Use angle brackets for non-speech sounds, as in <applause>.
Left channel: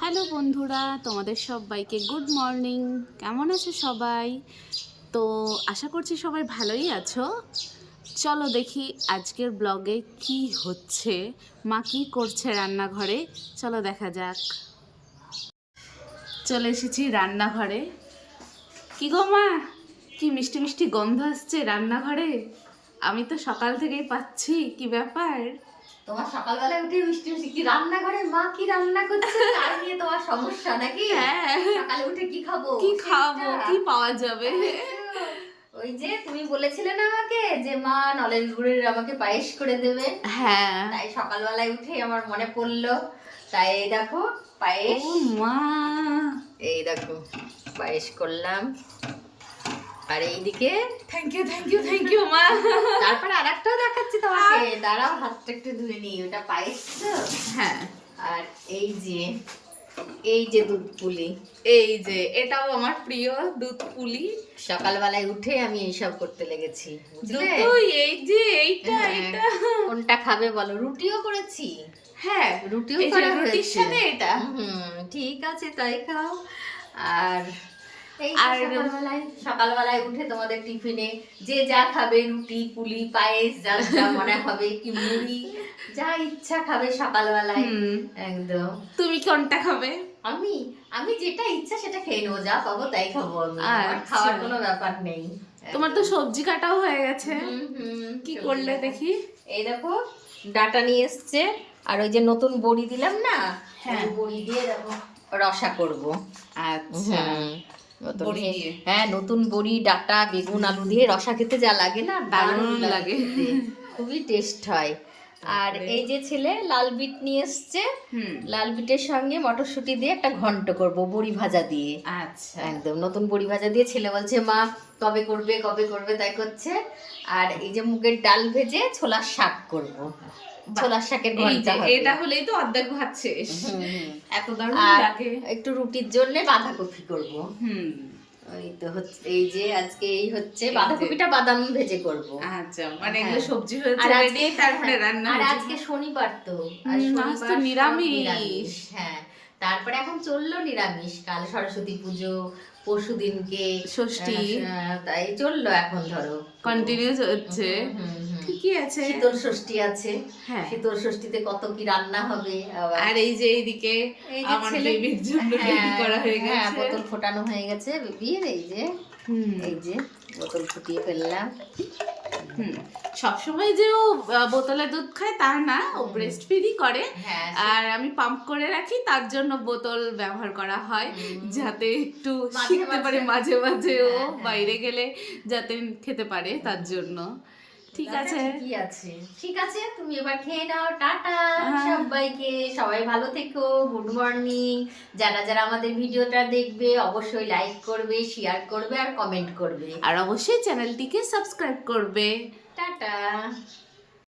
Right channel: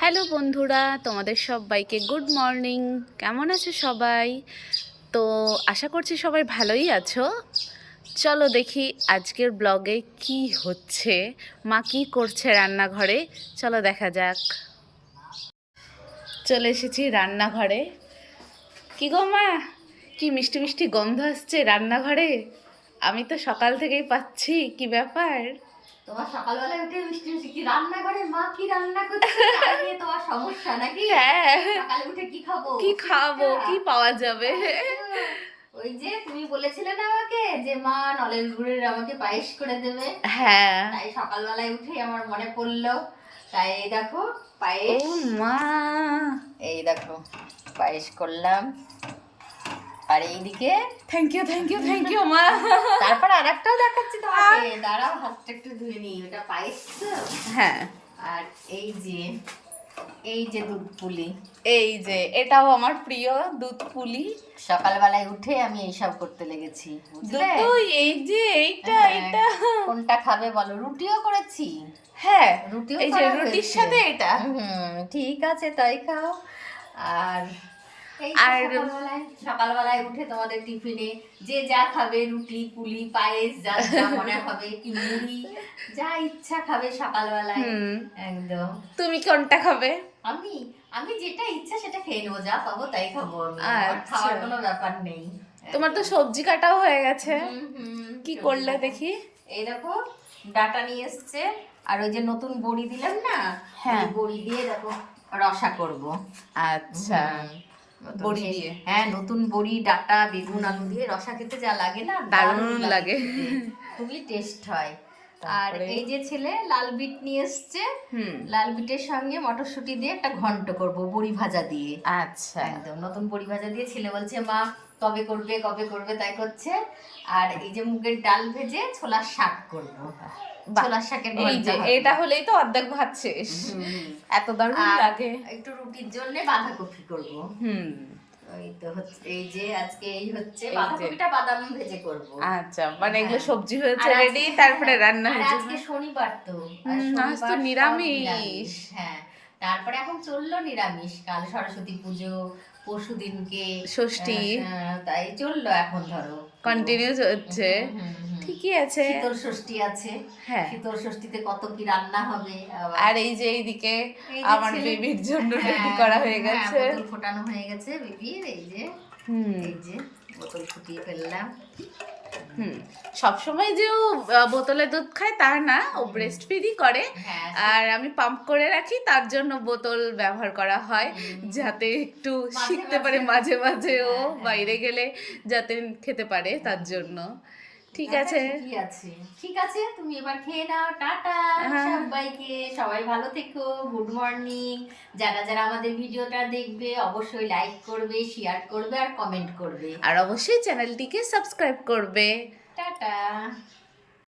Hello বন্ধুরা, তোমাদের সবাইকে গুড মর্নিং। কেমন আছে সবাই? তো আশা করছি সবাই ভালোই আছো। চলো দেখি আজকের ব্লগে কি হচ্ছে, মা কি করছে রান্নাঘরে। চলো দেখা যাক। চলে এসেছি রান্নাঘরে। কি গো মা? কি মিষ্টি মিষ্টি গন্ধ আসছে রান্নাঘরে? আমি তো সকাল থেকেই পাচ্ছি, কি ব্যাপার? তোমার সকালবেলা উঠে মিষ্টি মিষ্টি কি রান্না করে মা কি রান্না করছে? <laughs> তোমার সমস্যা নাকি? হ্যাঁ। সকালে উঠে কি খাব? কি খাব? কি পাওয়া যাবে? ওই যে তুমি বলেছিলে না আমাকে যে মা নলেন গুড়ের আমাকে পায়েস করে দেবে। হ্যাঁ। তাই সকালবেলায় উঠেই আমার মনে পড়ল। তাই এই দেখো ও মা। এই দেখো পায়েস করলাম। আর এইদিকে thank you thank you thank you মা। তারপর আর একটাও দেখাচ্ছি তোমাকে। দাঁড়াও হাতটা একটু ধুয়ে নিই ওটা পায়েস তো? হ্যাঁ। আর এই যে এই যে দুধ পুলি। এই যে এটাও আমার প্রিয় দুধ পুলি। সকালবেলায় উঠে আমি এইসব করতে লেগেছি বুঝলে? এই যে এইটা হ্যাঁ। এটা। কোনটা খাবে বলো? রুটিও করেছি। হ্যাঁ রুটিও করা হয়েছে। সাথে এটা। হুম ঠিক আছে তাই খাও। আর আর- সকালবেলায় উঠে তোমাদের টিফিনে যে যা খাবে রুটি পুলি পায়েস যা মনে হবে কি মুড়ি যা ইচ্ছা খাবে সকালবেলায়। একদম। তুমি কোনটা খাবে? আমি আমি যেটা ইচ্ছা সেটা খেয়ে নেব যা পাবো তাই খাব আচ্ছা। খাওয়ার কোনো ব্যাপার নেই। তোমার তো সবজি কাটাও হয়ে গেছে। কি করলে দেখি? এই দেখো ডাটা নিয়ে এসছে। আর ওই যে নতুন বড়ি দিলাম না হ্যাঁ। বড়ি দিয়ে দেখো রসা করব। আচ্ছা। বড়ি দিয়ে? হ্যাঁ নতুন বড়ি ডাটা বেগুন আলু দিয়ে রসা খেতে যা লাগে না দারুণ লাগে। খুবই টেস্ট হয়। আর এই যে ছেলে লাল বিট নিয়ে এসছে। হুম। লাল বিটের সঙ্গে মটরশুঁটি দিয়ে একটা ঘন্ট করব বড়ি ভাজা দিয়ে। আচ্ছা। একদম নতুন বড়ি ভাজা দিয়ে ছেলে বলছে মা কবে করবে কবে করবে? তাই করছে। আর এই যে মুগের ডাল ভেজে ছোলার শাক করব। ছোলার শাকের হবে। এটা হলেই তো অর্ধেক ভাত শেষ। এত দারুণ লাগে একটু রুটির জন্য বাঁধাকপি করব হুম তো হচ্ছে এই যে আজকে এই হচ্ছে বাঁধাকপিটা বাদাম ভেজে করব আচ্ছা মানে এগুলো হ্যাঁ। সবজি হয়েছে রেডি তারপরে রান্না হয়েছে আজকে শনিবার তো আজ তো নিরামিষ। হ্যাঁ তারপরে এখন চলল নিরামিষ কাল সরস্বতী পুজো পরশু দিনকে ষষ্ঠী। তাই চলল এখন ধরো কন্টিনিউ হচ্ছে। ঠিকই আছে। শীতল ষষ্ঠী আছে। হ্যাঁ। শীতল ষষ্ঠীতে কত কি রান্না হবে আর এই যে এইদিকে এই আমার বেবির জন্য হ্যাঁ, রেডি করা হয়ে হ্যাঁ, গেছে। বোতল ফোটানো হয়ে গেছে। বেবির এই যে হুম। এই যে বোতল ফুটিয়ে ফেললাম। হুম। সবসময় যে ও বোতলে দুধ খায় তা না ও ব্রেস্ট ফিডই করে। হ্যাঁ। আর আমি পাম্প করে রাখি তার জন্য বোতল ব্যবহার করা হয় যাতে একটু শিখতে পারে মাঝে। মাঝে ও হ্যাঁ, হ্যাঁ। বাইরে গেলে যাতে খেতে পারে তার জন্য। ঠিক আচ্ছা, আছে। কি আছে। ঠিক আছে তুমি এবার খেয়ে নাও টাটা। হ্যাঁ। সবাইকে সবাই ভালো থেকো গুড মর্নিং। যারা যারা আমাদের ভিডিওটা দেখবে অবশ্যই লাইক করবে শেয়ার করবে আর কমেন্ট করবে। আর অবশ্যই চ্যানেলটিকে সাবস্ক্রাইব করবে। টাটা।